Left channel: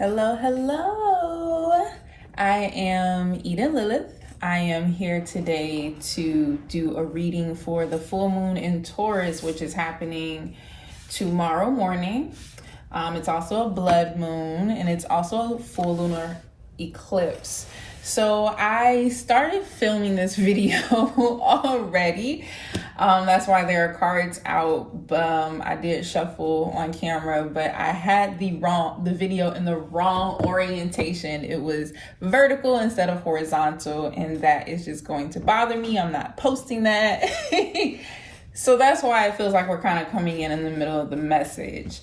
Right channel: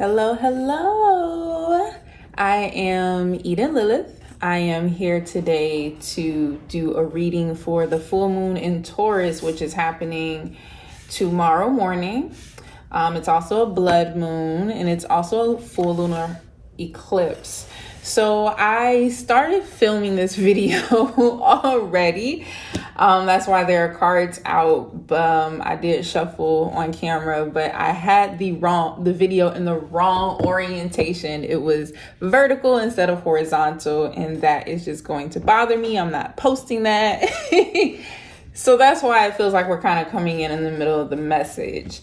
Hello, hello. I am Eden Lilith. I am here today to do a reading for the full moon in Taurus, which is happening tomorrow morning. It's also a blood moon and it's also a full lunar eclipse. So I started filming this video already. That's why there are cards out. I did shuffle on camera, but I had the video in the wrong orientation. It was vertical instead of horizontal, and that is just going to bother me. I'm not posting that. So that's why it feels like we're kind of coming in the middle of the message,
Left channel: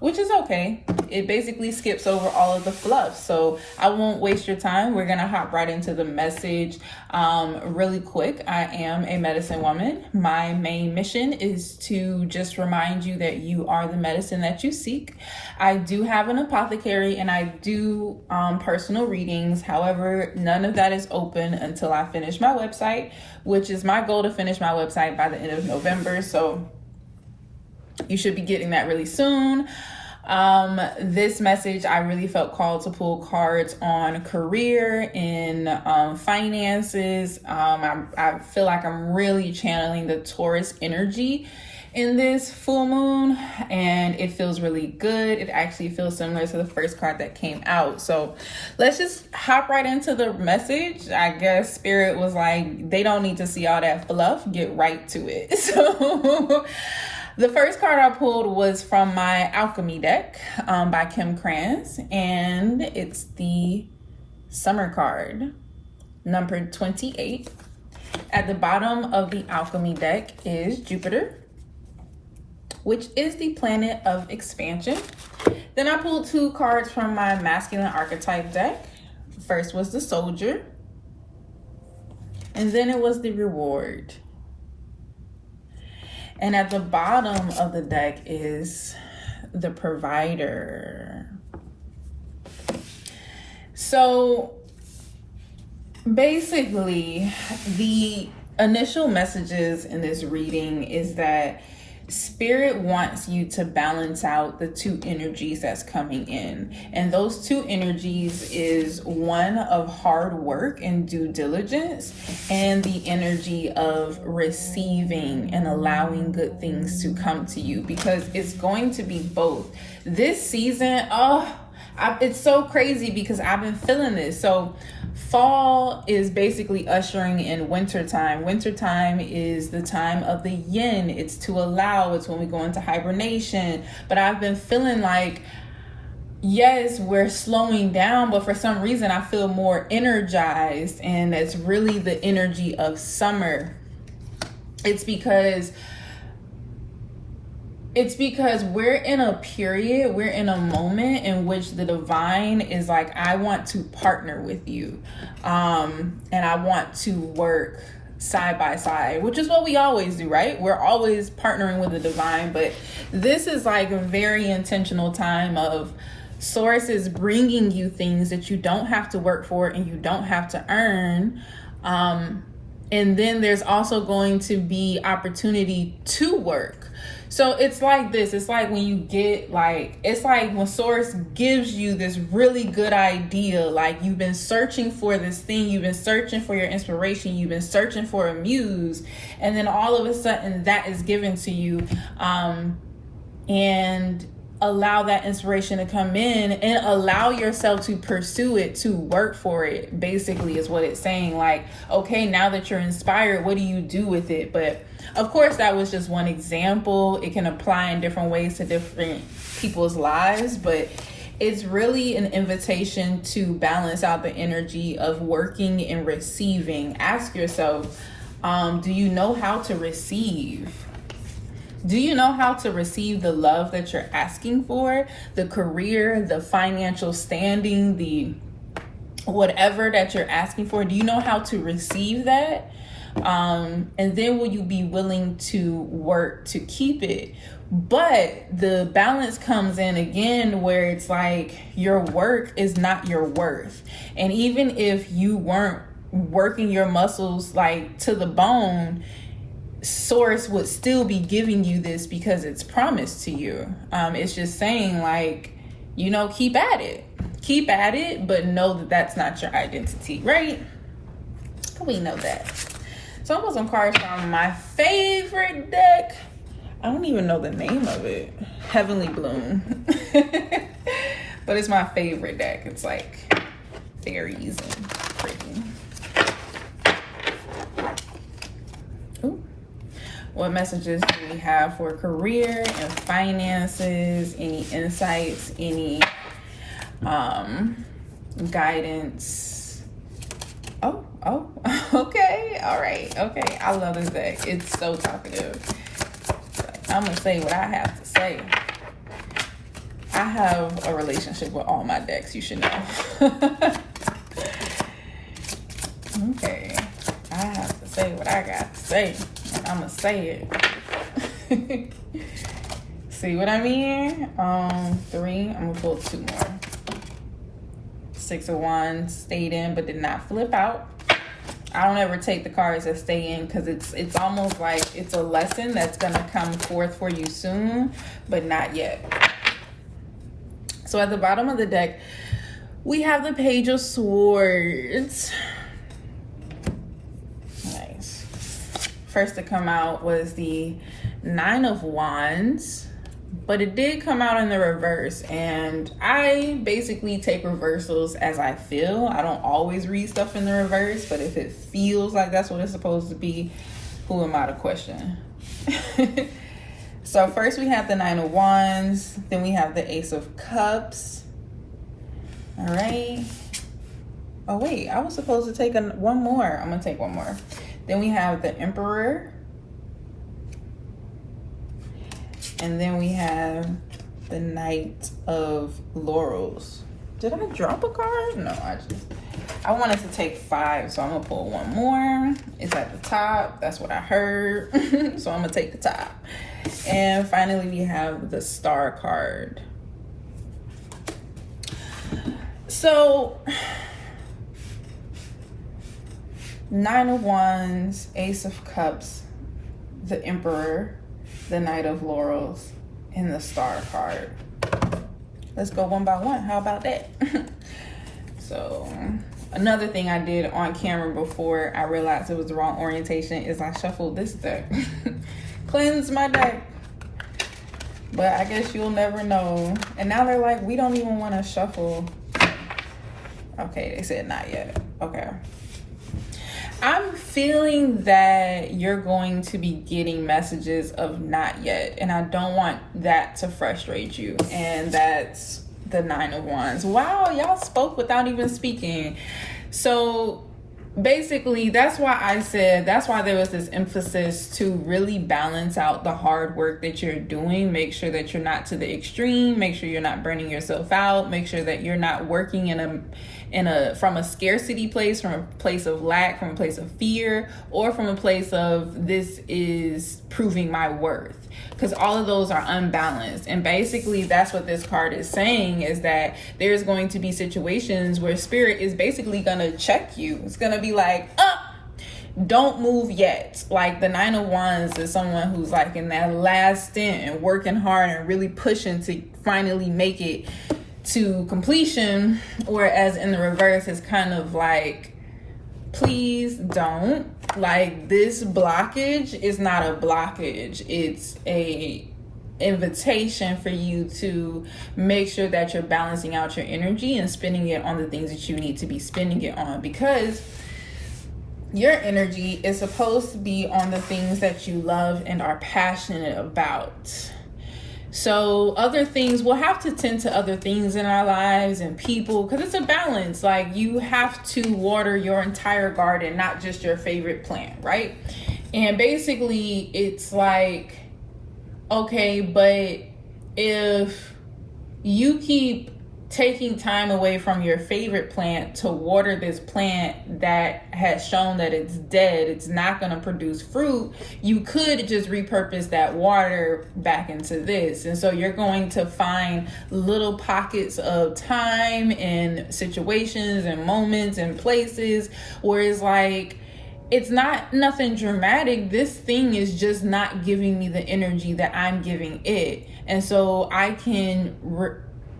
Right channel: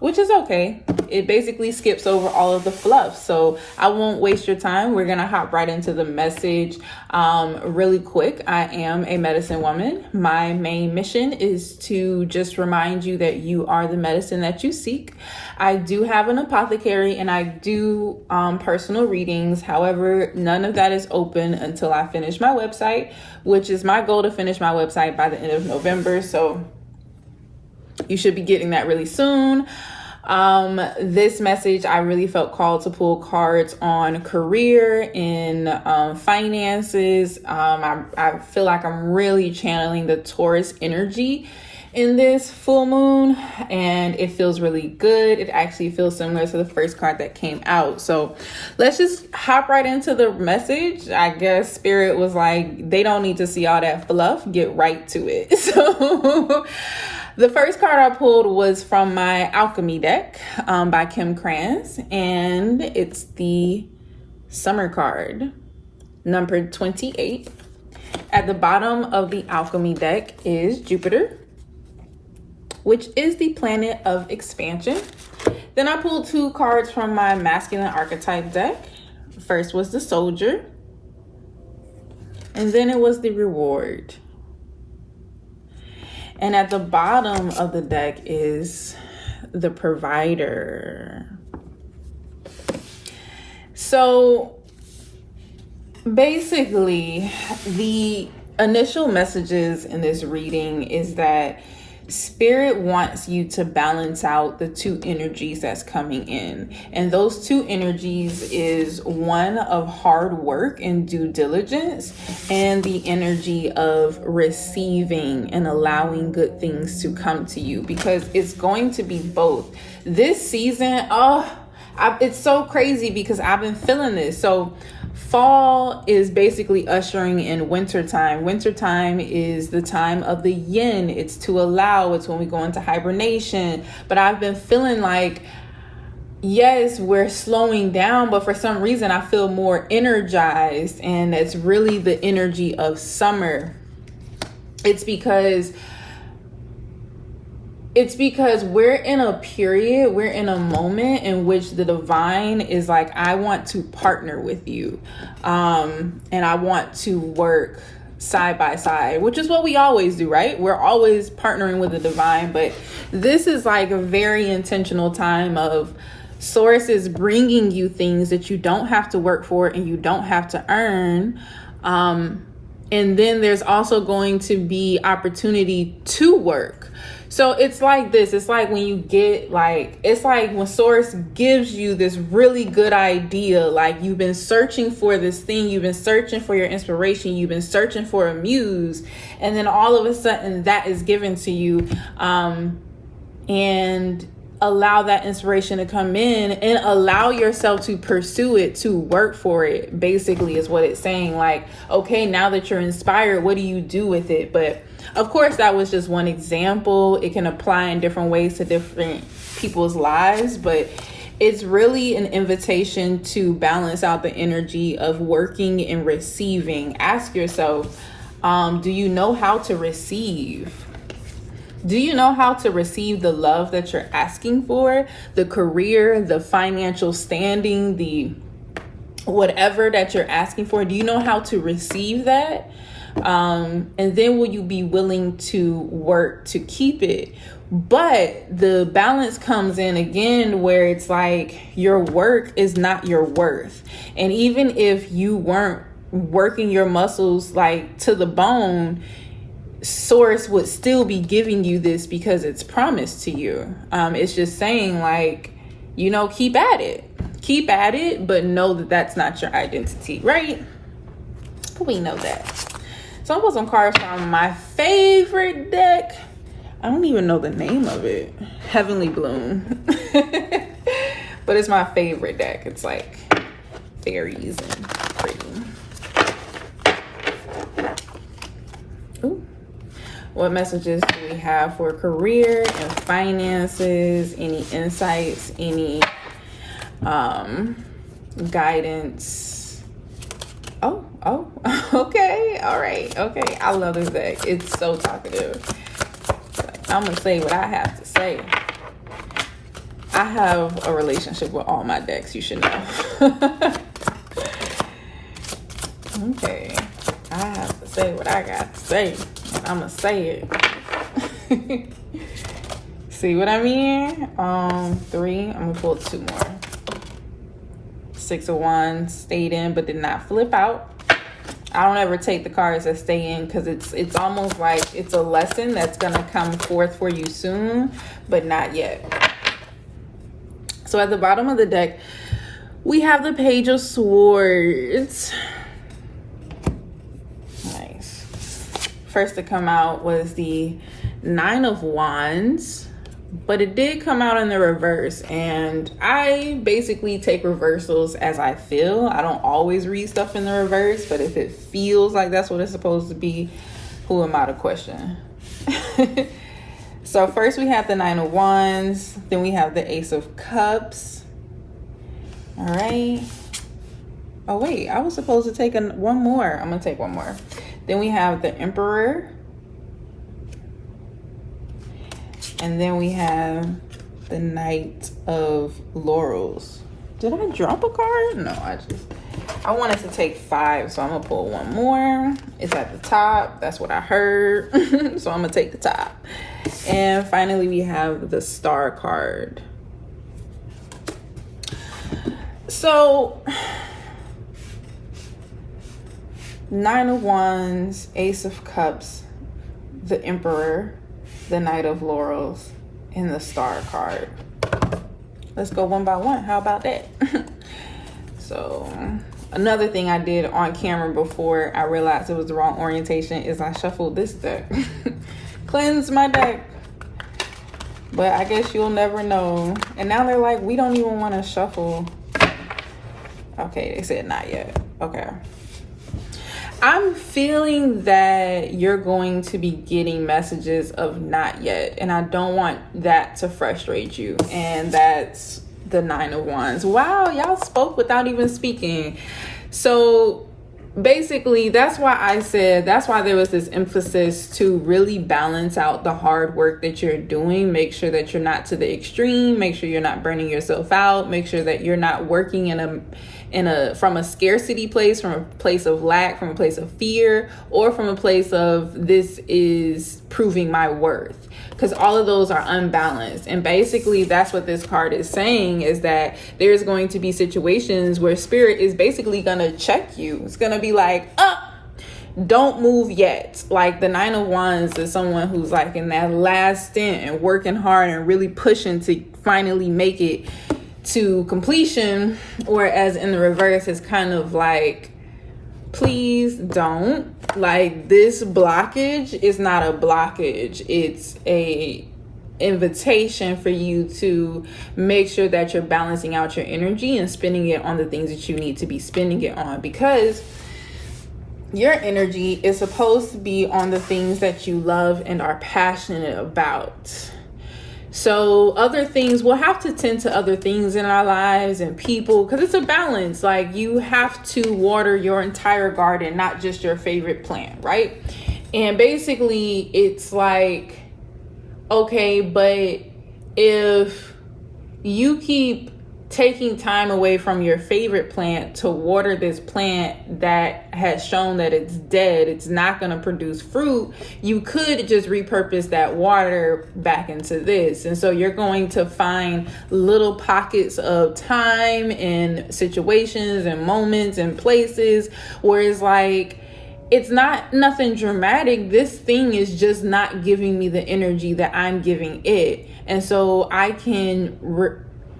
which is okay. It basically skips over all of the fluff. So I won't waste your time. We're going to hop right into the message really quick. I am a medicine woman. My main mission is to just remind you that you are the medicine that you seek. I do have an apothecary and I do personal readings. However, none of that is open until I finish my website, which is my goal to finish my website by the end of November. So you should be getting that really soon. This message, I really felt called to pull cards on career and finances. I feel like I'm really channeling the Taurus energy in this full moon, and it feels really good. It actually feels similar to the first card that came out. So let's just hop right into the message. I guess Spirit was like, they don't need to see all that fluff, get right to it. So the first card I pulled was from my Alchemy deck by Kim Krans, and it's the Summer card, number 28. At the bottom of the Alchemy deck is Jupiter, which is the planet of expansion. Then I pulled two cards from my Masculine Archetype deck. First was the Soldier, and then it was the Reward. And at the bottom of the deck is the Provider. So basically, the initial messages in this reading is that Spirit wants you to balance out the two energies that's coming in. And those two energies is one of hard work and due diligence, and the energy of receiving and allowing good things to come to you, because it's going to be both. This season, it's so crazy because I've been feeling this. So fall is basically ushering in wintertime. Wintertime is the time of the yin. It's to allow. It's when we go into hibernation. But I've been feeling like, yes, we're slowing down, but for some reason I feel more energized. And that's really the energy of summer. It's because we're in a period, we're in a moment in which the divine is like, I want to partner with you. And I want to work side by side, which is what we always do, right? We're always partnering with the divine, but this is like a very intentional time of Source is bringing you things that you don't have to work for and you don't have to earn. And then there's also going to be opportunity to work. So it's like this. It's like when you get it's like when Source gives you this really good idea, like you've been searching for this thing, you've been searching for your inspiration, you've been searching for a muse, and then all of a sudden that is given to you, and allow that inspiration to come in and allow yourself to pursue it, to work for it, basically is what it's saying. Like, okay, now that you're inspired, what do you do with it? But of course, that was just one example. It can apply in different ways to different people's lives, but it's really an invitation to balance out the energy of working and receiving. Ask yourself, do you know how to receive? Do you know how to receive the love that you're asking for, the career, the financial standing, the whatever that you're asking for? Do you know how to receive that? And then will you be willing to work to keep it? But the balance comes in again where it's like your work is not your worth. And even if you weren't working your muscles like to the bone, Source would still be giving you this because it's promised to you. It's just saying like, keep at it. Keep at it, but know that that's not your identity, right? We know that. So I put some cards from my favorite deck. I don't even know the name of it. Heavenly Bloom. But it's my favorite deck. It's like fairies and pretty. Ooh. What messages do we have for career and finances? Any insights? Any guidance? Oh, okay, all right, okay. I love this deck. It's so talkative. I'm gonna say what I have to say. I have a relationship with all my decks, you should know. Okay, I have to say what I got to say. I'm gonna say it. See what I mean? 3, I'm gonna pull 2 more. 6 of Wands stayed in but did not flip out. I don't ever take the cards that stay in because it's almost like it's a lesson that's gonna come forth for you soon, but not yet. So at the bottom of the deck, we have the Page of Swords. Nice. First to come out was the 9 of Wands, but it did come out in the reverse, and I basically take reversals as I feel. I don't always read stuff in the reverse, but if it feels like that's what it's supposed to be, who am I to question? So first we have the 9 of Wands, then we have the Ace of Cups. All right. Oh wait, I was supposed to take one more. I'm gonna take one more. Then we have the Emperor. And then we have the Knight of Laurels. Did I drop a card? No, I wanted to take 5, so I'm gonna pull one more. It's at the top, that's what I heard. So I'm gonna take the top. And finally we have the Star card. So 9 of Wands, Ace of Cups, the Emperor, the Knight of Laurels, and the Star card. Let's go one by one. How about that? So another thing I did on camera before I realized it was the wrong orientation is I shuffled this deck. Cleanse my deck. But I guess you'll never know. And now they're like, we don't even want to shuffle. Okay, they said not yet. Okay. I'm feeling that you're going to be getting messages of not yet, and I don't want that to frustrate you. And that's the 9 of Wands. Wow, y'all spoke without even speaking. So basically, that's why there was this emphasis to really balance out the hard work that you're doing. Make sure that you're not to the extreme. Make sure you're not burning yourself out. Make sure that you're not working from a scarcity place, from a place of lack, from a place of fear, or from a place of this is proving my worth. Because all of those are unbalanced. And basically that's what this card is saying, is that there's going to be situations where spirit is basically going to check you. It's going to be like, don't move yet. Like the 9 of Wands is someone who's like in that last stint and working hard and really pushing to finally make it to completion. Or as in the reverse, it's kind of like, please don't. Like, this blockage is not a blockage. It's a invitation for you to make sure that you're balancing out your energy and spending it on the things that you need to be spending it on, because your energy is supposed to be on the things that you love and are passionate about. So other things, we'll have to tend to other things in our lives and people, because it's a balance. Like, you have to water your entire garden, not just your favorite plant, right? And basically it's like, okay, but if you keep taking time away from your favorite plant to water this plant that has shown that it's dead, it's not going to produce fruit, you could just repurpose that water back into this. And so you're going to find little pockets of time and situations and moments and places where it's like, it's not nothing dramatic. This thing is just not giving me the energy that I'm giving it. And so I can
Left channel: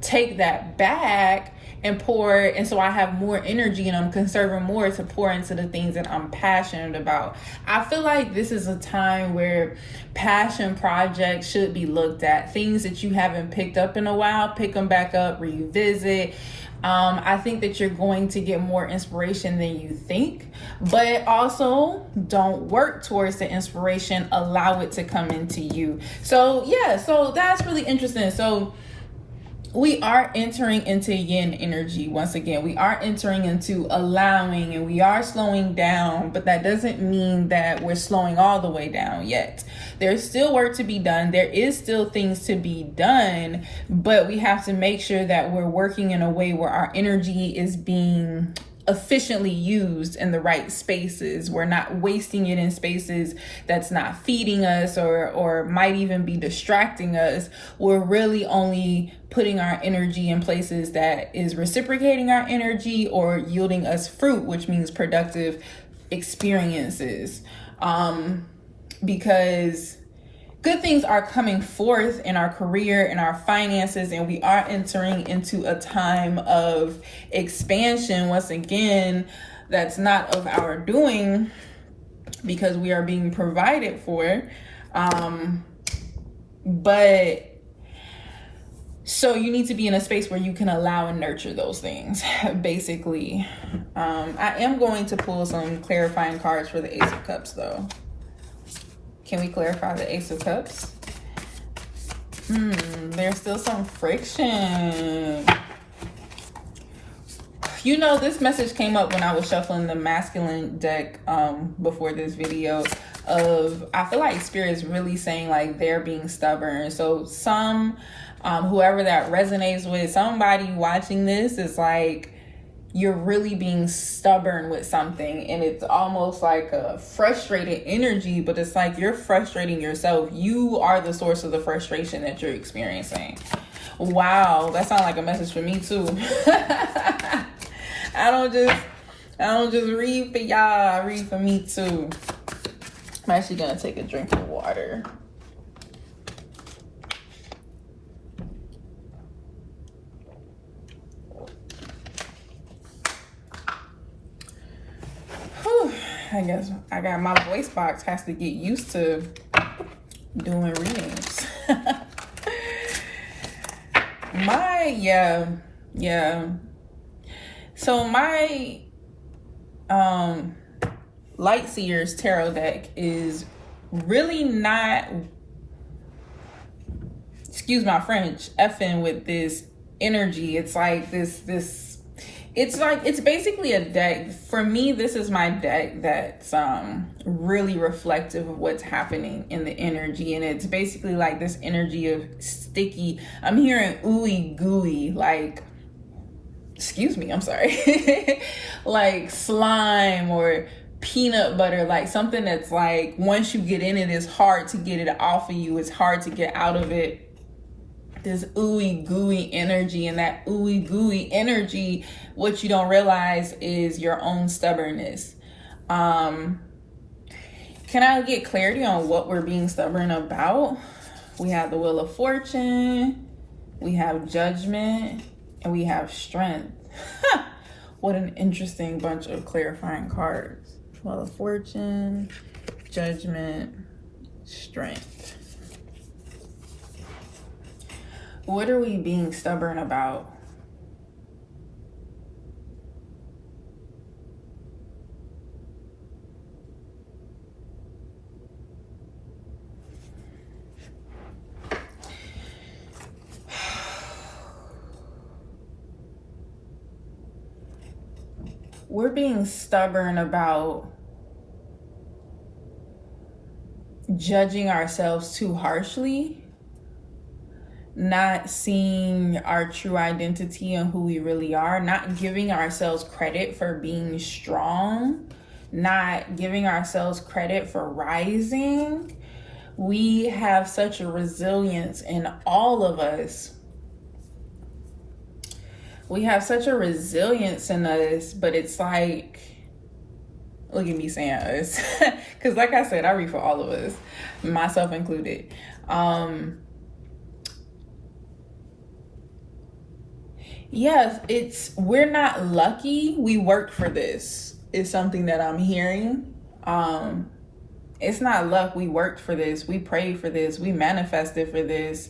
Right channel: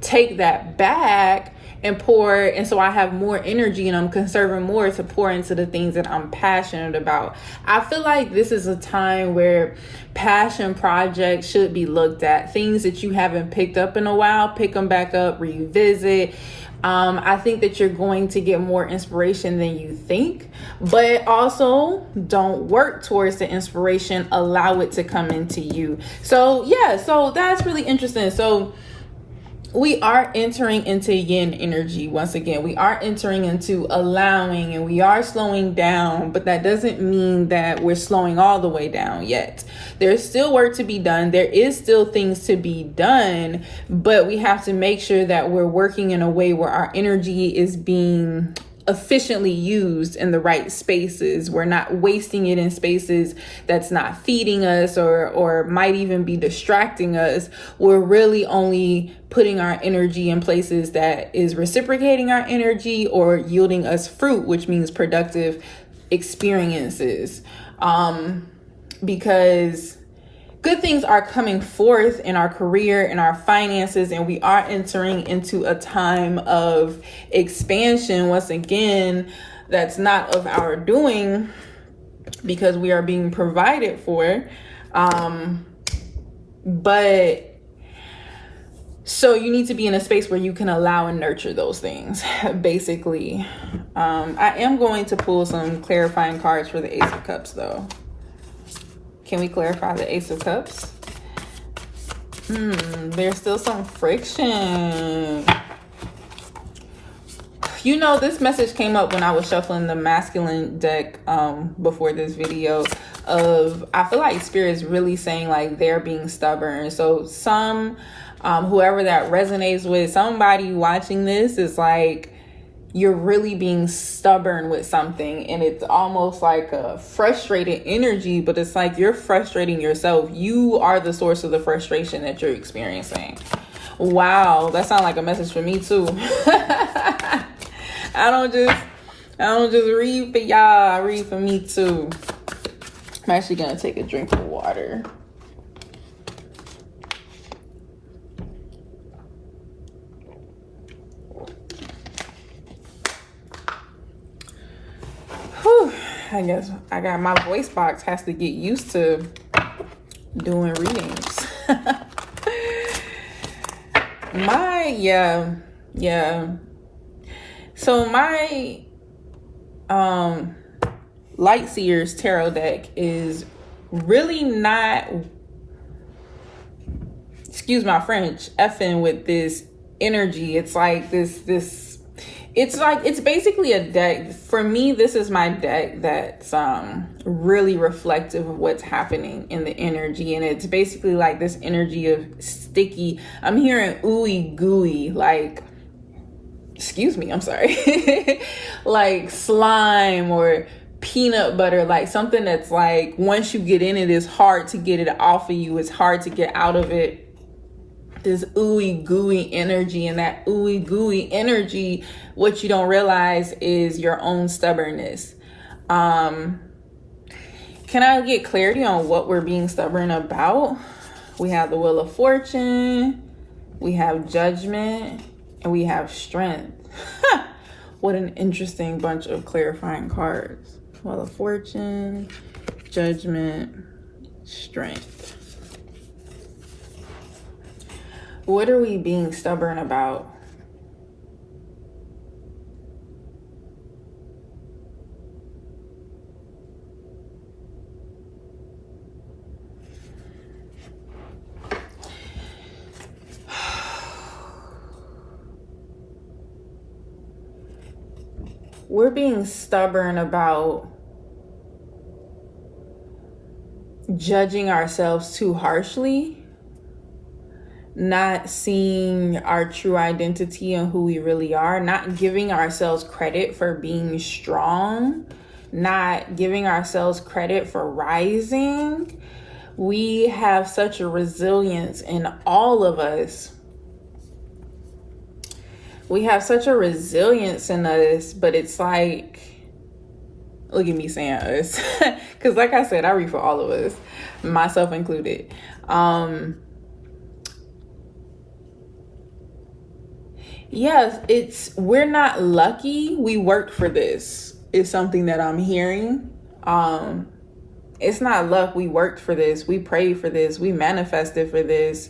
take that back and pour, and so I have more energy and I'm conserving more to pour into the things that I'm passionate about. I feel like this is a time where passion projects should be looked at. Things that you haven't picked up in a while, pick them back up, revisit. I think that you're going to get more inspiration than you think, but also don't work towards the inspiration, allow it to come into you. So yeah, so that's really interesting. So we are entering into yin energy once again. We are entering into allowing, and we are slowing down, but that doesn't mean that we're slowing all the way down yet. There's still work to be done. There is still things to be done, but we have to make sure that we're working in a way where our energy is being efficiently used in the right spaces. We're not wasting it in spaces that's not feeding us or might even be distracting us. We're really only putting our energy in places that is reciprocating our energy or yielding us fruit, which means productive experiences. Because good things are coming forth in our career, in our finances, and we are entering into a time of expansion. Once again, that's not of our doing because we are being provided for. But so you need to be in a space where you can allow and nurture those things, basically. I am going to pull some clarifying cards for the Ace of Cups, though. Can we clarify the Ace of Cups? There's still some friction. You know, this message came up when I was shuffling the masculine deck before this video of, I feel like Spirit is really saying like they're being stubborn. So whoever that resonates with, somebody watching this is like, you're really being stubborn with something, and it's almost like a frustrated energy, but it's like you're frustrating yourself. You are the source of the frustration that you're experiencing. Wow, that sounds like a message for me too. I don't just read for y'all, I read for me too. I'm actually gonna take a drink of water. I guess my voice box has to get used to doing readings. So my Light Seers tarot deck is really not, excuse my French, effing with this energy. It's like it's basically a deck. For me, this is my deck that's really reflective of what's happening in the energy. And it's basically like this energy of sticky. I'm hearing ooey gooey, like, excuse me, I'm sorry. Like slime or peanut butter, like something that's like, once you get in it, it's hard to get it off of you. It's hard to get out of it. This ooey gooey energy, and that ooey gooey energy, what you don't realize is your own stubbornness. Can I get clarity on what we're being stubborn about? We have the Wheel of Fortune, we have Judgment, and we have Strength. What an interesting bunch of clarifying cards. Wheel of Fortune, Judgment, Strength. What are we being stubborn about? We're being stubborn about judging ourselves too harshly, not seeing our true identity and who we really are, not giving ourselves credit for being strong, not giving ourselves credit for rising. We have such a resilience in all of us. We have such a resilience in us, but it's like, look at me saying us, because like I said, I read for all of us, myself included. Yes, we're not lucky. We worked for this. Is something that I'm hearing. It's not luck. We worked for this. We prayed for this. We manifested for this.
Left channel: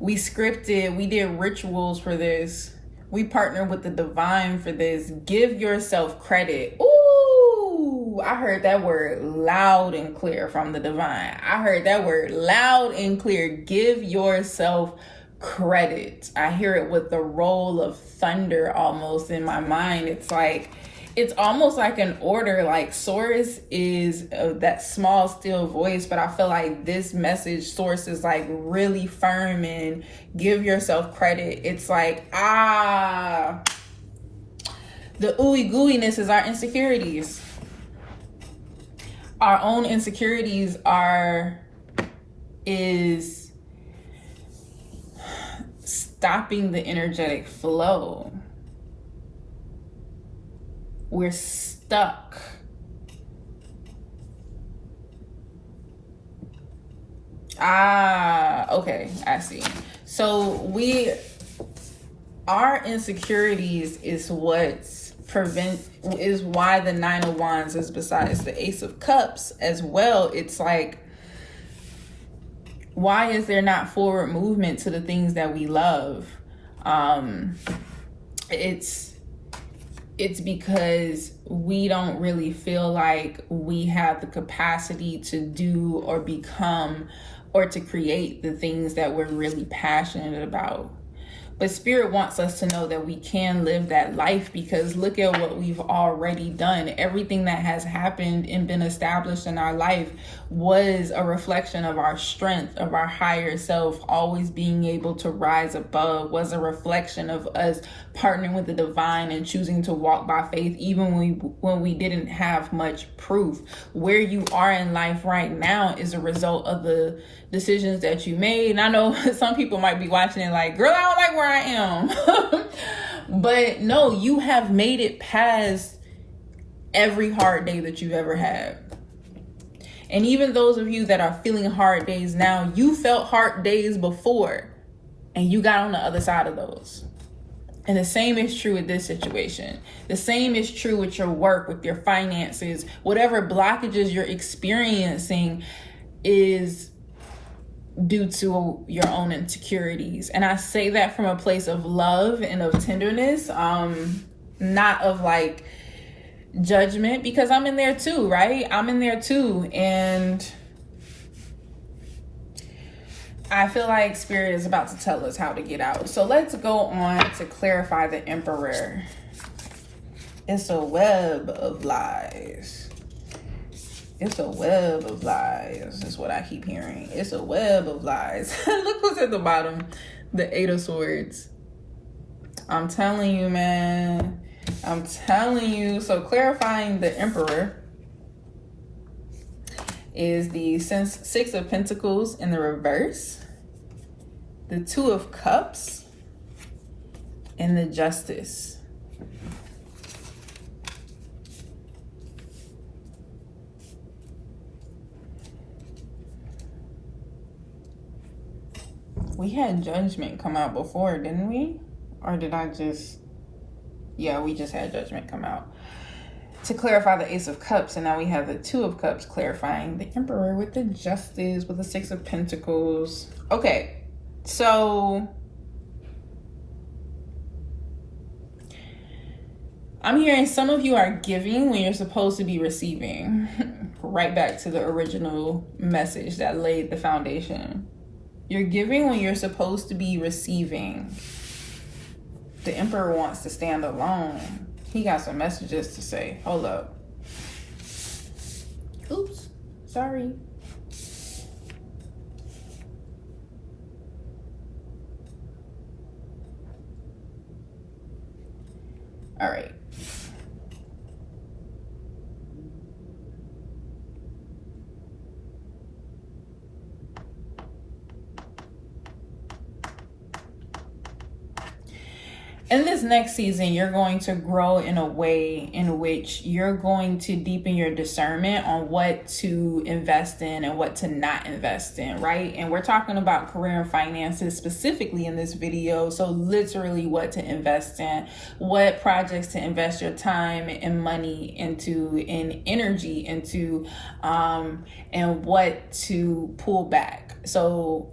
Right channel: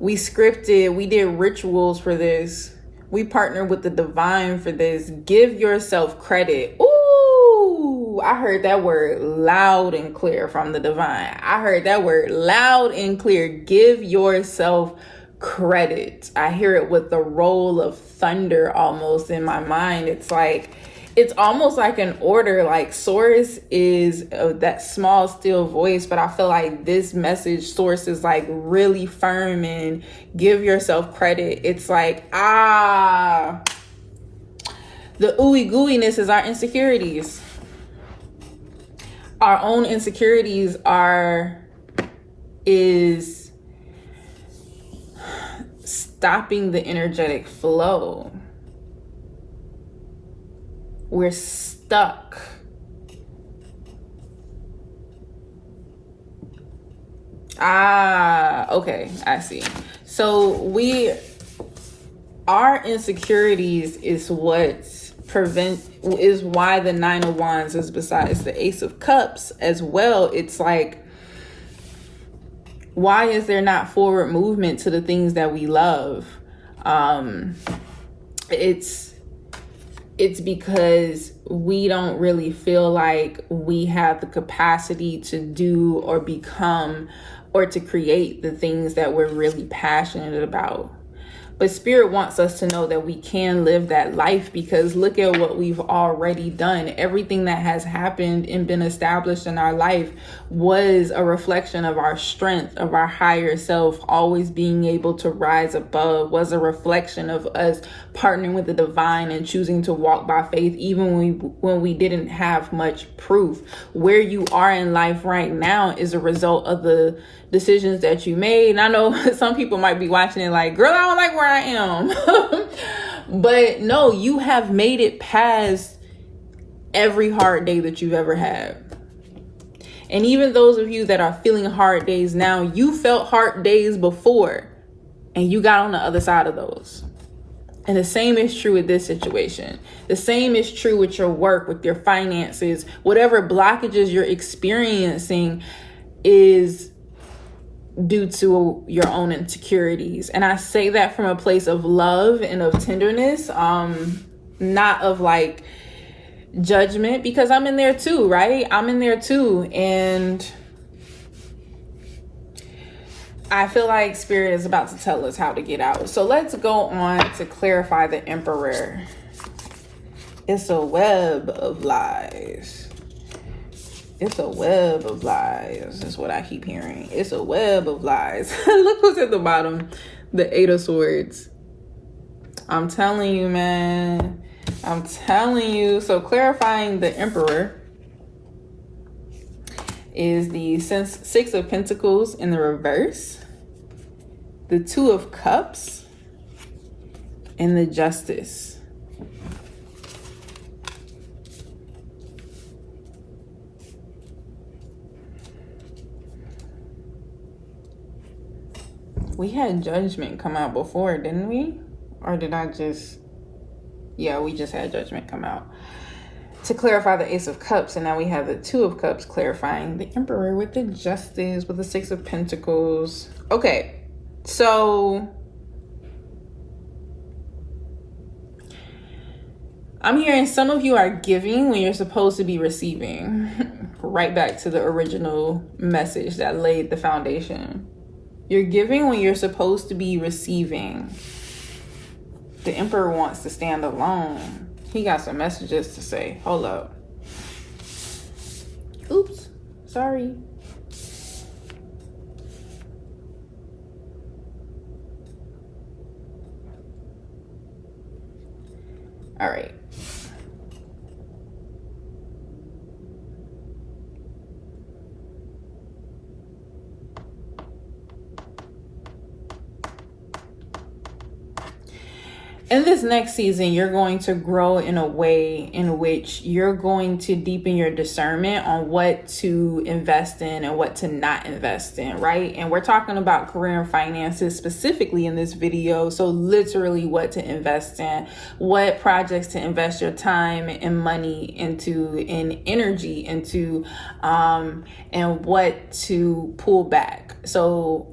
We scripted. We did rituals for this. We partnered with the divine for this. Give yourself credit. Ooh, I heard that word loud and clear from the divine. I heard that word loud and clear. Give yourself credit. I hear it with the roll of thunder almost in my mind. It's almost like an order. Like source is that small still voice, but I feel like this message source is like really firm and give yourself credit. It's like the ooey gooiness is our insecurities. Our own insecurities is stopping the energetic flow. We're stuck. Okay, I see. So our insecurities is is why the Nine of Wands is besides the Ace of Cups as well. It's like, why is there not forward movement to the things that we love? It's because we don't really feel like we have the capacity to do or become or to create the things that we're really passionate about. But Spirit wants us to know that we can live that life, because look at what we've already done. Everything that has happened and been established in our life was a reflection of our strength, of our higher self, always being able to rise above, was a reflection of us partnering with the divine and choosing to walk by faith, even when we didn't have much proof. Where you are in life right now is a result of the decisions that you made. And I know some people might be watching it like, girl, I don't like where I am. But no, you have made it past every hard day that you've ever had. And even those of you that are feeling hard days now, you felt hard days before and you got on the other side of those. And the same is true with this situation. The same is true with your work, with your finances. Whatever blockages you're experiencing is due to your own insecurities. And I say that from a place of love and of tenderness, not of like judgment, because I'm in there too, right? I'm in there too. And I feel like Spirit is about to tell us how to get out. So let's go on to clarify the Emperor. It's a web of lies. It's a web of lies. That's what I keep hearing. It's a web of lies. Look who's at the bottom. The Eight of Swords. I'm telling you, man. I'm telling you. So clarifying the Emperor is the Six of Pentacles in the reverse, the Two of Cups, and the Justice. We had Judgment come out before, didn't we? Or did I just... Yeah, we just had Judgment come out to clarify the Ace of Cups, and now we have the Two of Cups clarifying the Emperor with the Justice, with the Six of Pentacles. Okay, so I'm hearing some of you are giving when you're supposed to be receiving. Right back to the original message that laid the foundation. You're giving when you're supposed to be receiving. The Emperor wants to stand alone. He got some messages to say. Hold up. Oops. Sorry. All right. in this next season, you're going to grow in a way in which you're going to deepen your discernment on what to invest in and what to not invest in, right? And we're talking about career and finances specifically in this video. So literally what to invest in, what projects to invest your time and money into, and energy into, and what to pull back. So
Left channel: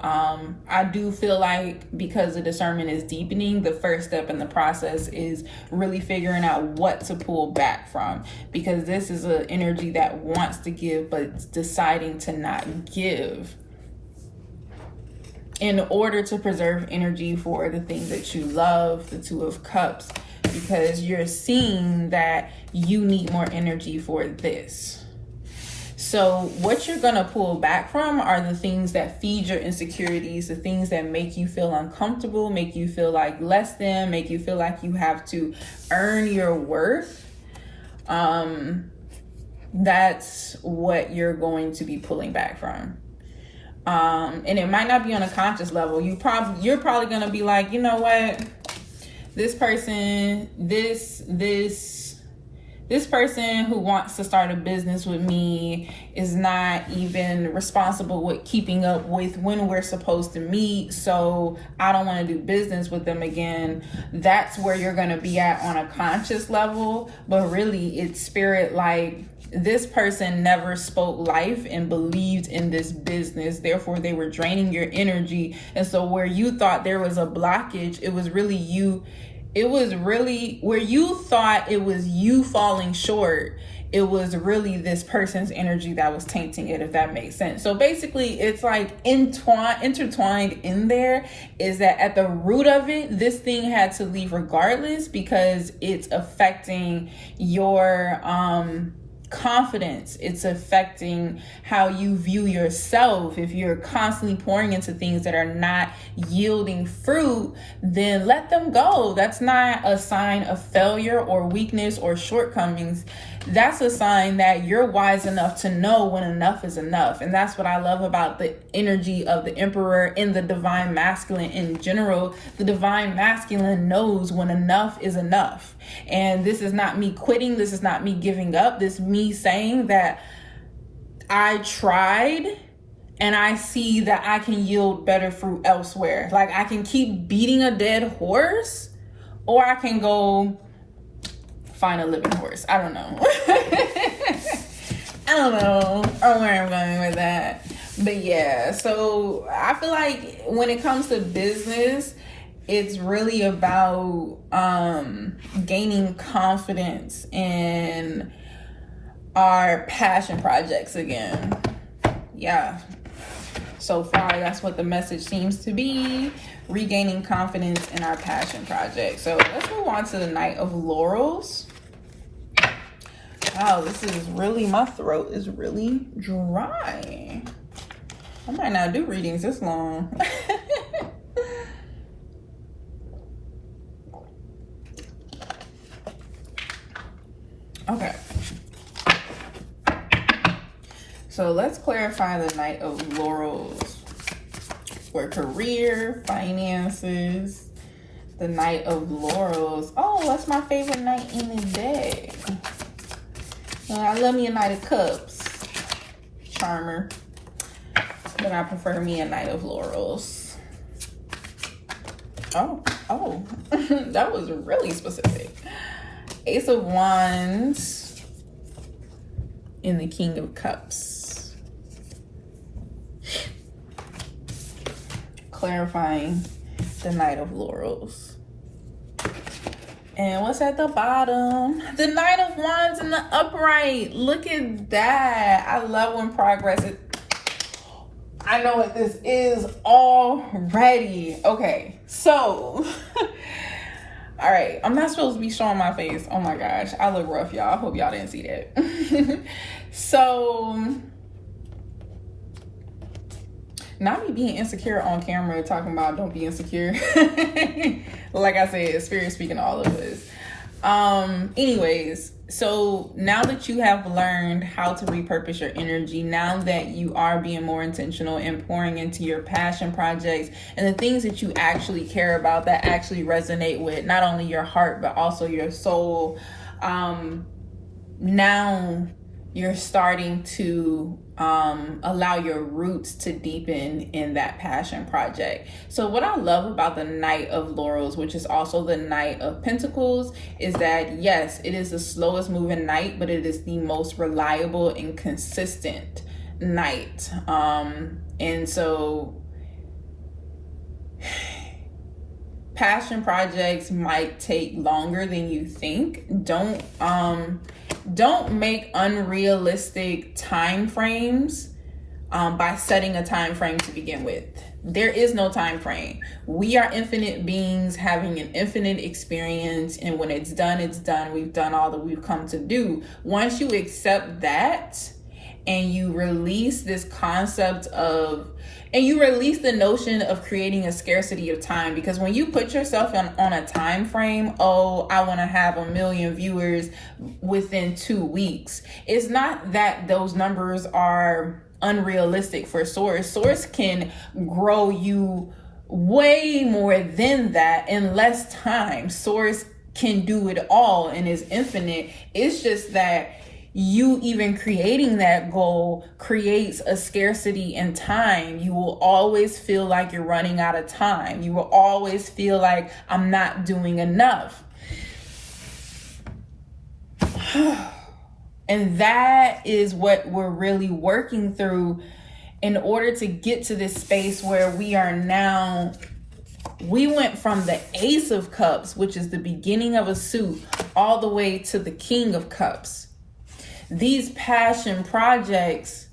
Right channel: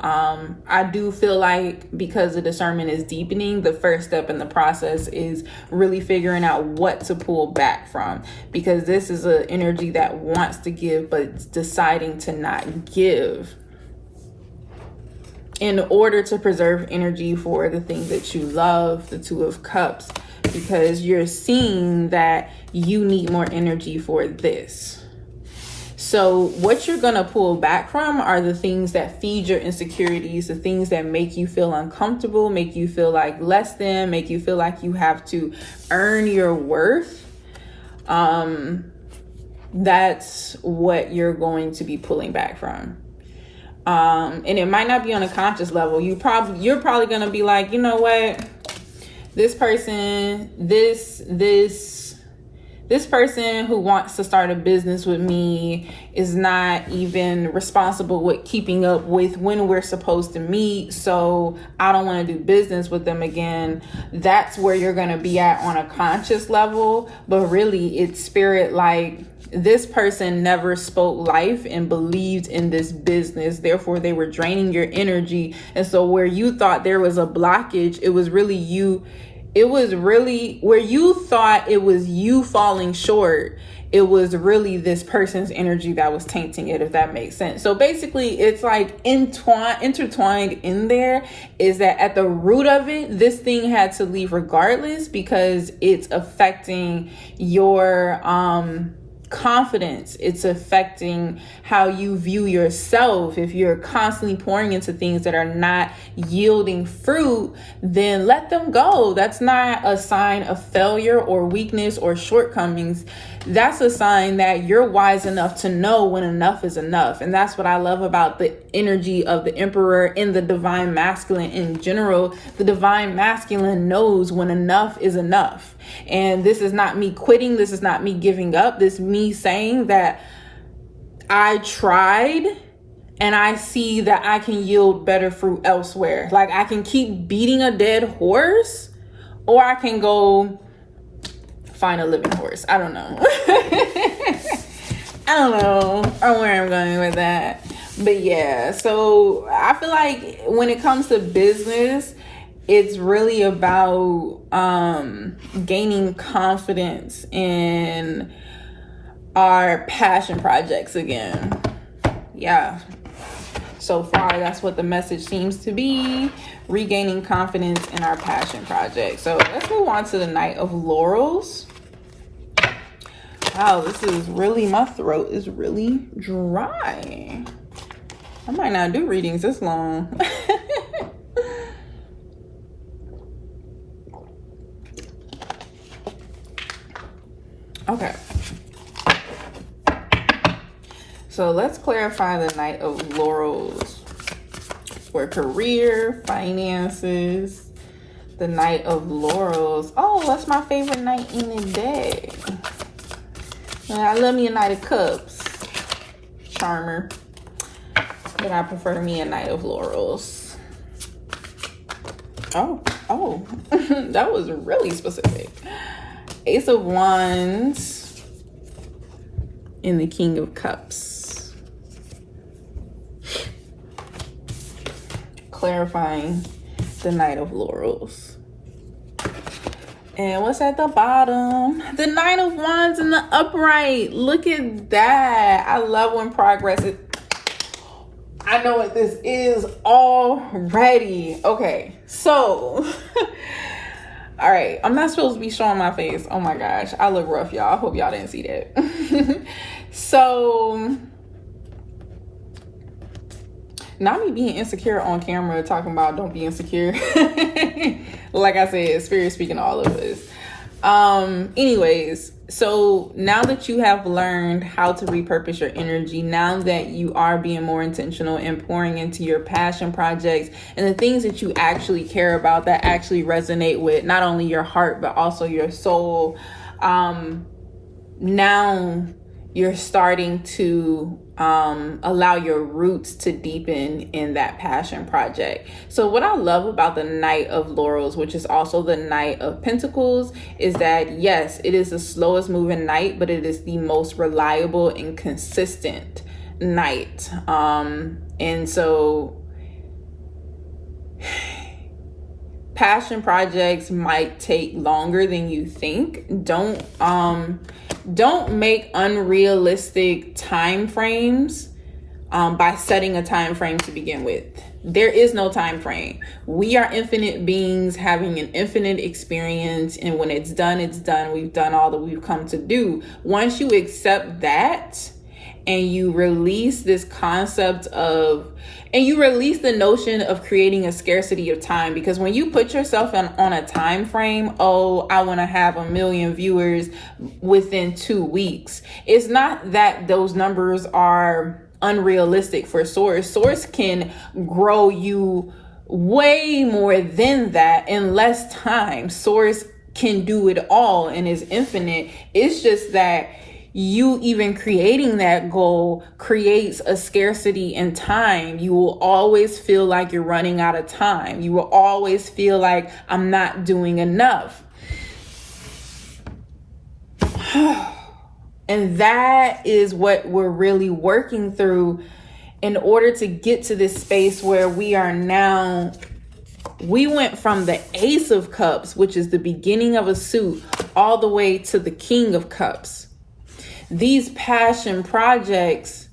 I do feel like because the discernment is deepening, the first step in the process is really figuring out what to pull back from, because this is an energy that wants to give but it's deciding to not give in order to preserve energy for the things that you love, the Two of Cups, because you're seeing that you need more energy for this. So what you're going to pull back from are the things that feed your insecurities, the things that make you feel uncomfortable, make you feel like less than, make you feel like you have to earn your worth. That's what you're going to be pulling back from. And it might not be on a conscious level. You're probably going to be like, you know what? This person, this person who wants to start a business with me is not even responsible with keeping up with when we're supposed to meet, so I don't want to do business with them again. That's where you're going to be at on a conscious level, but really it's spirit, like this person never spoke life and believed in this business, therefore they were draining your energy. And so where you thought there was a blockage, it was really you. It was really where you thought it was you falling short. It was really this person's energy that was tainting it, if that makes sense. So basically it's like intertwined in there is that at the root of it, this thing had to leave regardless because it's affecting your confidence. It's affecting how you view yourself. If you're constantly pouring into things that are not yielding fruit, then let them go. That's not a sign of failure or weakness or shortcomings. That's a sign that you're wise enough to know when enough is enough. And that's what I love about the energy of the Emperor and the divine masculine in general. The divine masculine knows when enough is enough. And this is not me quitting. This is not me giving up. This is me saying that I tried and I see that I can yield better fruit elsewhere. Like I can keep beating a dead horse, or I can go find a living horse. I don't know. I don't know where I'm going with that. But yeah, so I feel like when it comes to business, it's really about gaining confidence in our passion projects again. Yeah. So far, that's what the message seems to be. Regaining confidence in our passion project. So let's move on to the Knight of Laurels. Wow, this is really, my throat is really dry. I might not do readings this long. Okay. So let's clarify the Knight of Laurels for career, finances. The Knight of Laurels. Oh, that's my favorite knight in the deck. I love me a Knight of Cups. Charmer. But I prefer me a Knight of Laurels. Oh. That was really specific. Ace of Wands and the King of Cups. Clarifying the Knight of Laurels. And what's at the bottom? The Knight of Wands in the upright. Look at that. I love when progress is... I know what this is already. Okay, so... All right, I'm not supposed to be showing my face. Oh my gosh, I look rough, y'all. I hope y'all didn't see that. So... not me being insecure on camera, talking about don't be insecure. Like I said, spirit speaking to all of us. Anyways, So now that you have learned how to repurpose your energy, now that you are being more intentional and pouring into your passion projects and the things that you actually care about, that actually resonate with not only your heart but also your soul, now you're starting to allow your roots to deepen in that passion project. So what I love about the Knight of Laurels, which is also the Knight of Pentacles, is that yes, it is the slowest moving knight, but it is the most reliable and consistent knight. And so passion projects might take longer than you think. Don't make unrealistic time frames by setting a time frame to begin with. There is no time frame. We are infinite beings having an infinite experience, and when it's done, it's done. We've done all that we've come to do. Once you accept that and you release this concept of, and you release the notion of creating a scarcity of time, because when you put yourself on a time frame, oh, I want to have 1 million viewers within 2 weeks. It's not that those numbers are unrealistic for Source. Source can grow you way more than that in less time. Source can do it all and is infinite. It's just that you even creating that goal creates a scarcity in time. You will always feel like you're running out of time. You will always feel like I'm not doing enough. And that is what we're really working through in order to get to this space where we are now. We went from the Ace of Cups, which is the beginning of a suit, all the way to the King of Cups. These passion projects,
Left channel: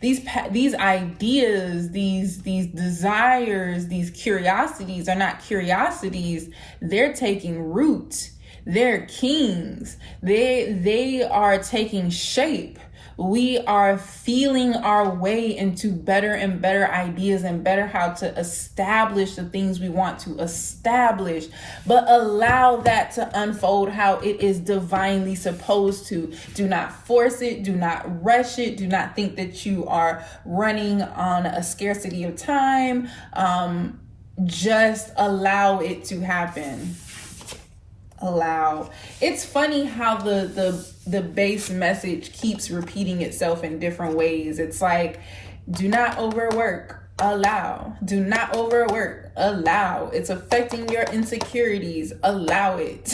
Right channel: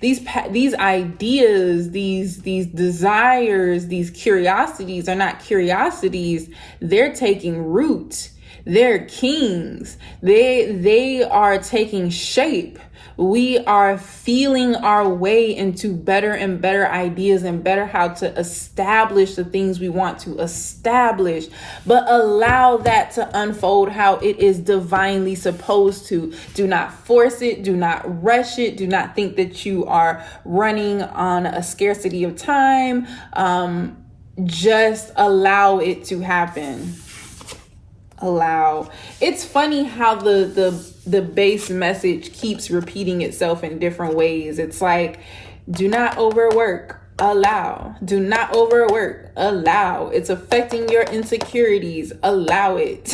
these ideas, these desires, these curiosities are not curiosities. They're taking root. They're kings. They are taking shape. We are feeling our way into better and better ideas and better how to establish the things we want to establish, but allow that to unfold how it is divinely supposed to. Do not force it. Do not rush it. Do not think that you are running on a scarcity of time. Just allow it to happen. Allow. It's funny how the base message keeps repeating itself in different ways. It's like, do not overwork, allow. Do not overwork, allow. It's affecting your insecurities, allow it.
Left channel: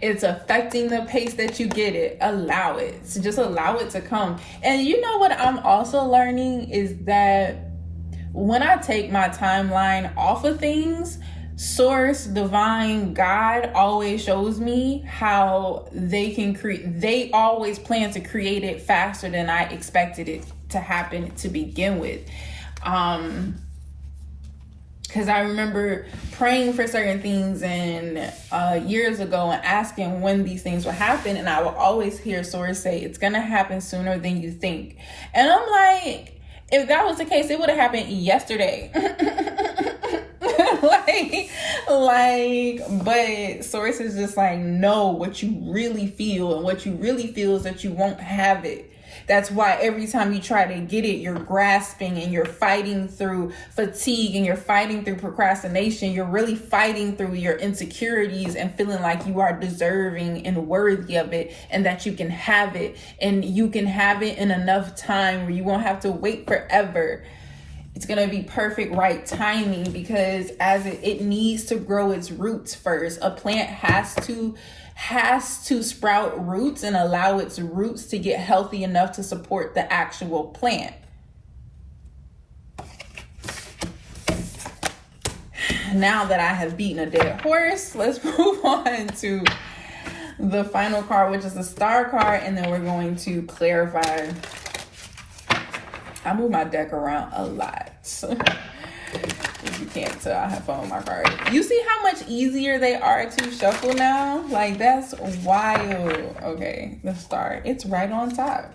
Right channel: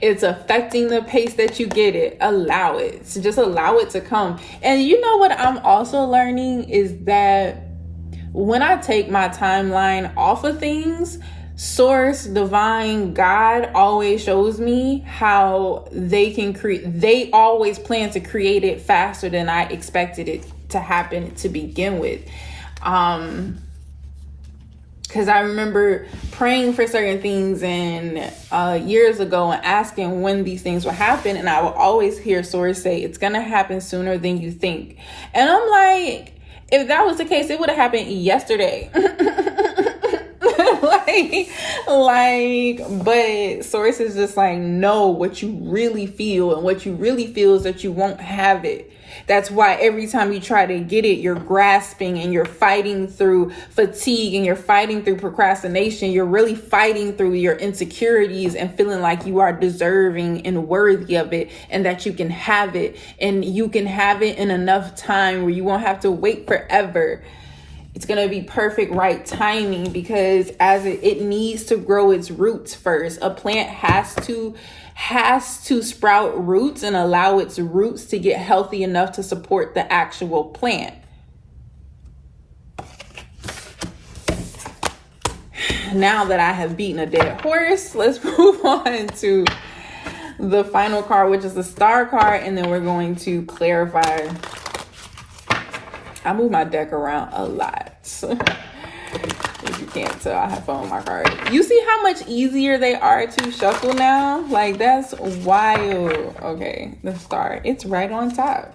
It's affecting the pace that you get it, allow it. So just allow it to come. And you know what I'm also learning is that when I take my timeline off of things, Source, divine, God always shows me how they can create. They always plan to create it faster than I expected it to happen to begin with. Because I remember praying for certain things and years ago and asking when these things would happen, and I would always hear Source say, "It's gonna happen sooner than you think." And I'm like, if that was the case, it would have happened yesterday. But Source is just like, know what you really feel, and what you really feel is that you won't have it. That's why every time you try to get it, you're grasping and you're fighting through fatigue and you're fighting through procrastination. You're really fighting through your insecurities and feeling like you are deserving and worthy of it, and that you can have it, and you can have it in enough time where you won't have to wait forever. It's going to be perfect, right timing, because as it needs to grow its roots first. A plant has to sprout roots and allow its roots to get healthy enough to support the actual plant. Now that I have beaten a dead horse, let's move on to the final card, which is the Star card, and then we're going to clarify. I move my deck around a lot. If you can't tell, I have fun with my cards. You see how much easier they are to shuffle now? Like, that's wild. Okay, the Star. It's right on top.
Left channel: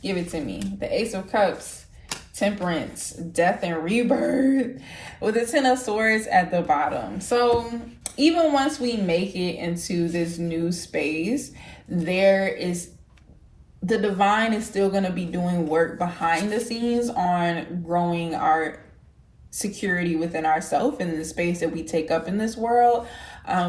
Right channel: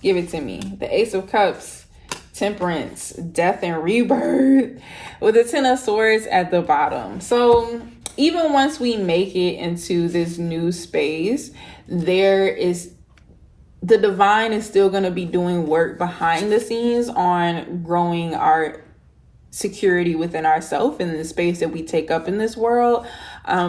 Give it to me. The Ace of Cups, Temperance, Death and Rebirth, with the Ten of Swords at the bottom. So even once we make it into this new space, the divine is still going to be doing work behind the scenes on growing our security within ourselves and the space that we take up in this world,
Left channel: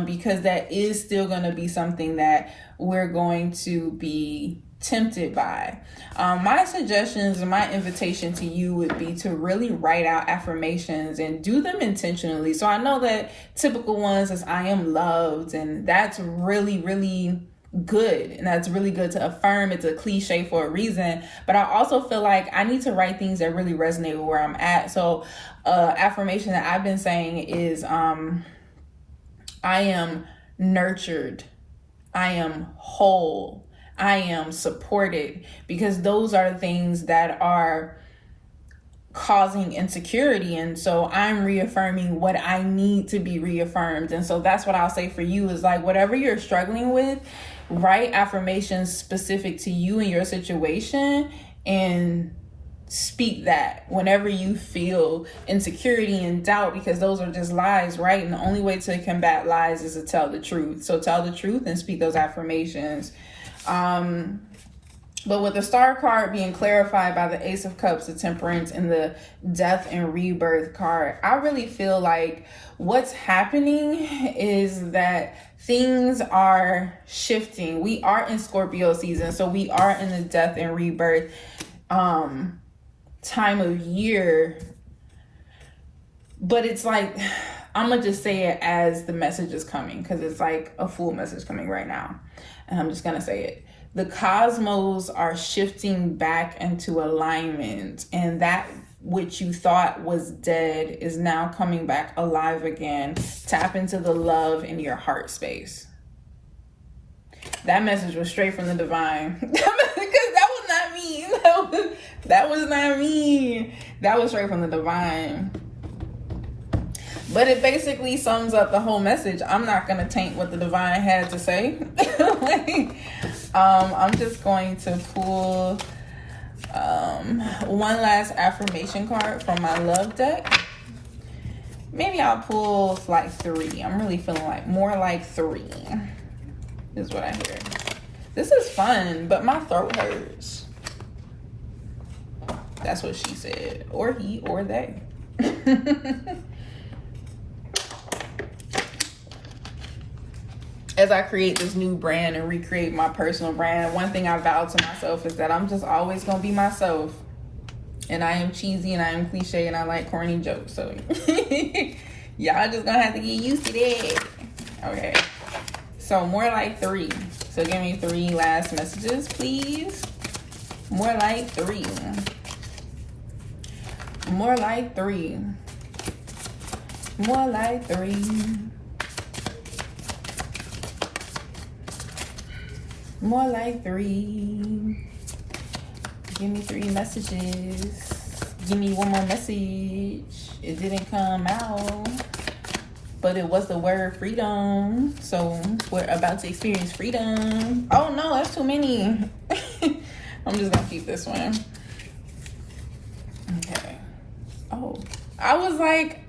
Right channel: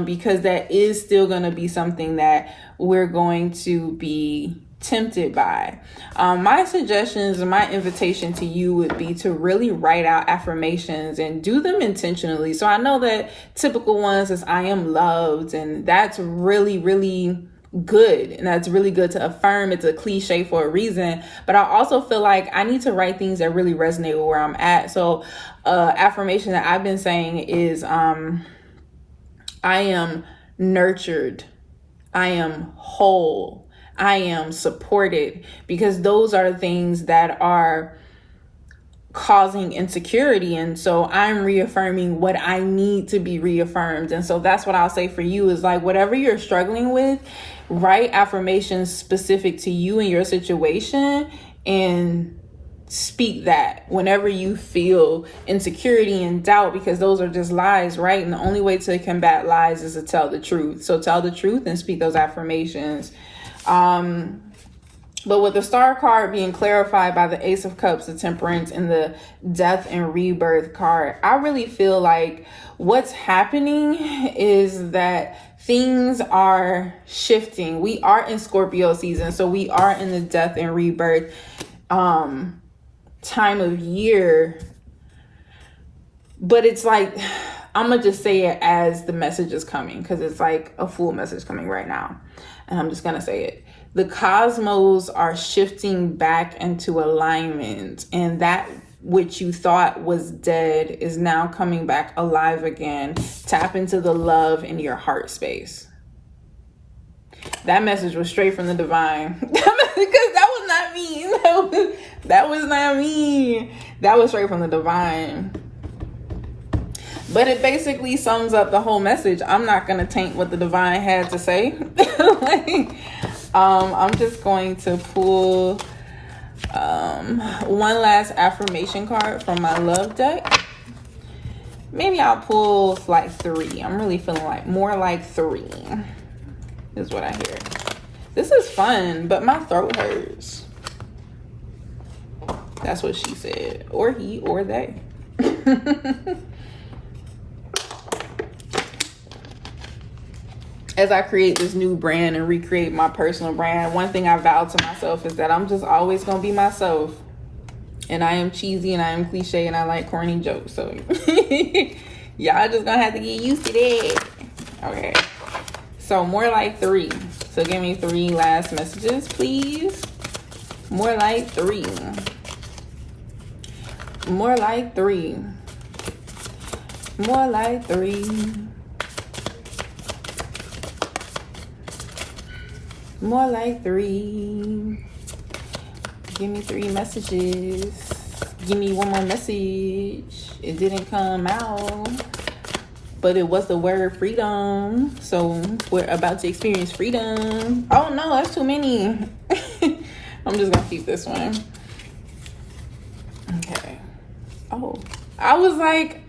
because that is still going to be something that we're going to be tempted by. My suggestions and my invitation to you would be to really write out affirmations and do them intentionally. So I know that typical ones is I am loved, and that's really, really good, and that's really good to affirm. It's a cliche for a reason, but I also feel like I need to write things that really resonate with where I'm at. So affirmation that I've been saying is I am nurtured, I am whole, I am supported, because those are things that are causing insecurity. And so I'm reaffirming what I need to be reaffirmed. And so that's what I'll say for you is like, whatever you're struggling with, write affirmations specific to you and your situation and speak that whenever you feel insecurity and doubt, because those are just lies, right? And the only way to combat lies is to tell the truth. So tell the truth and speak those affirmations. But with the Star card being clarified by the Ace of Cups, the Temperance, and the Death and Rebirth card, I really feel like what's happening is that things are shifting. We are in Scorpio season, so we are in the Death and Rebirth time of year. But it's like, I'm gonna just say it as the message is coming, because it's like a full message coming right now, and I'm just gonna say it. The cosmos are shifting back into alignment, and that which you thought was dead is now coming back alive again. Tap into the love in your heart space. That message was straight from the divine. Because that was not me. That was not me. That was straight from the divine. But it basically sums up the whole message. I'm not going to taint what the divine had to say. I'm just going to pull one last affirmation card from my love deck. Maybe I'll pull like 3. I'm really feeling like more like 3 is what I hear. This is fun, but my throat hurts. That's what she said, or he, or they. As I create this new brand and recreate my personal brand, one thing I vowed to myself is that I'm just always going to be myself. And I am cheesy and I am cliche and I like corny jokes. So y'all just going to have to get used to that. Okay. So more like 3. So give me 3 last messages, please. More like 3. More like 3. More like 3. More like 3. Give me 3 messages. Give me one more message. It didn't come out, but it was the word freedom. So we're about to experience freedom. Oh no, that's too many. I'm just gonna keep this one. Okay. Oh, I was like,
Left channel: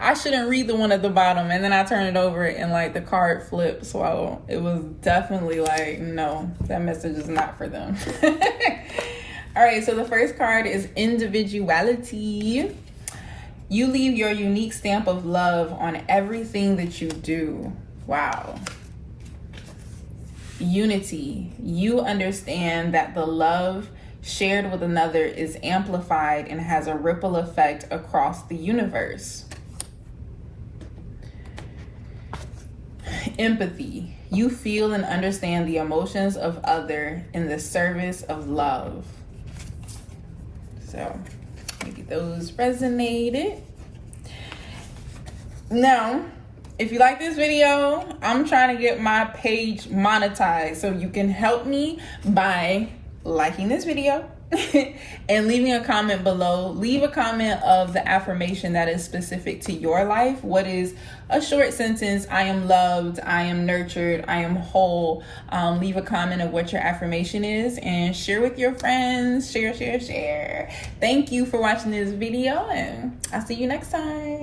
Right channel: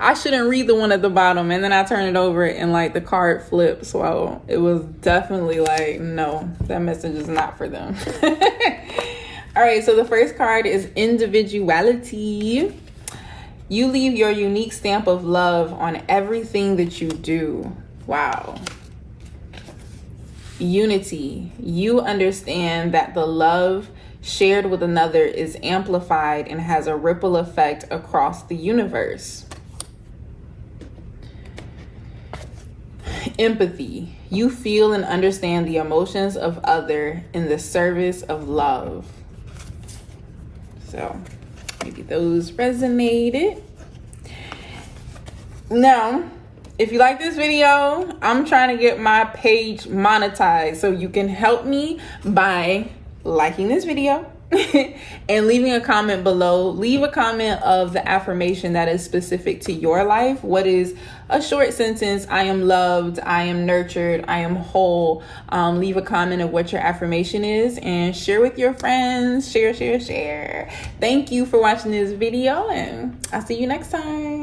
I shouldn't read the one at the bottom, and then I turned it over and like the card flipped. So it was definitely like, no, that message is not for them. All right, so the first card is individuality. You leave your unique stamp of love on everything that you do. Wow. Unity. You understand that the love shared with another is amplified and has a ripple effect across the universe. Empathy. You feel and understand the emotions of other in the service of love. So maybe those resonated. Now, if you like this video, I'm trying to get my page monetized. So you can help me by liking this video and leaving a comment below. Leave a comment of the affirmation that is specific to your life. What is a short sentence? I am loved, I am nurtured, I am whole. Leave a comment of what your affirmation is and share with your friends. Share. Thank you for watching this video, and I'll see you next time.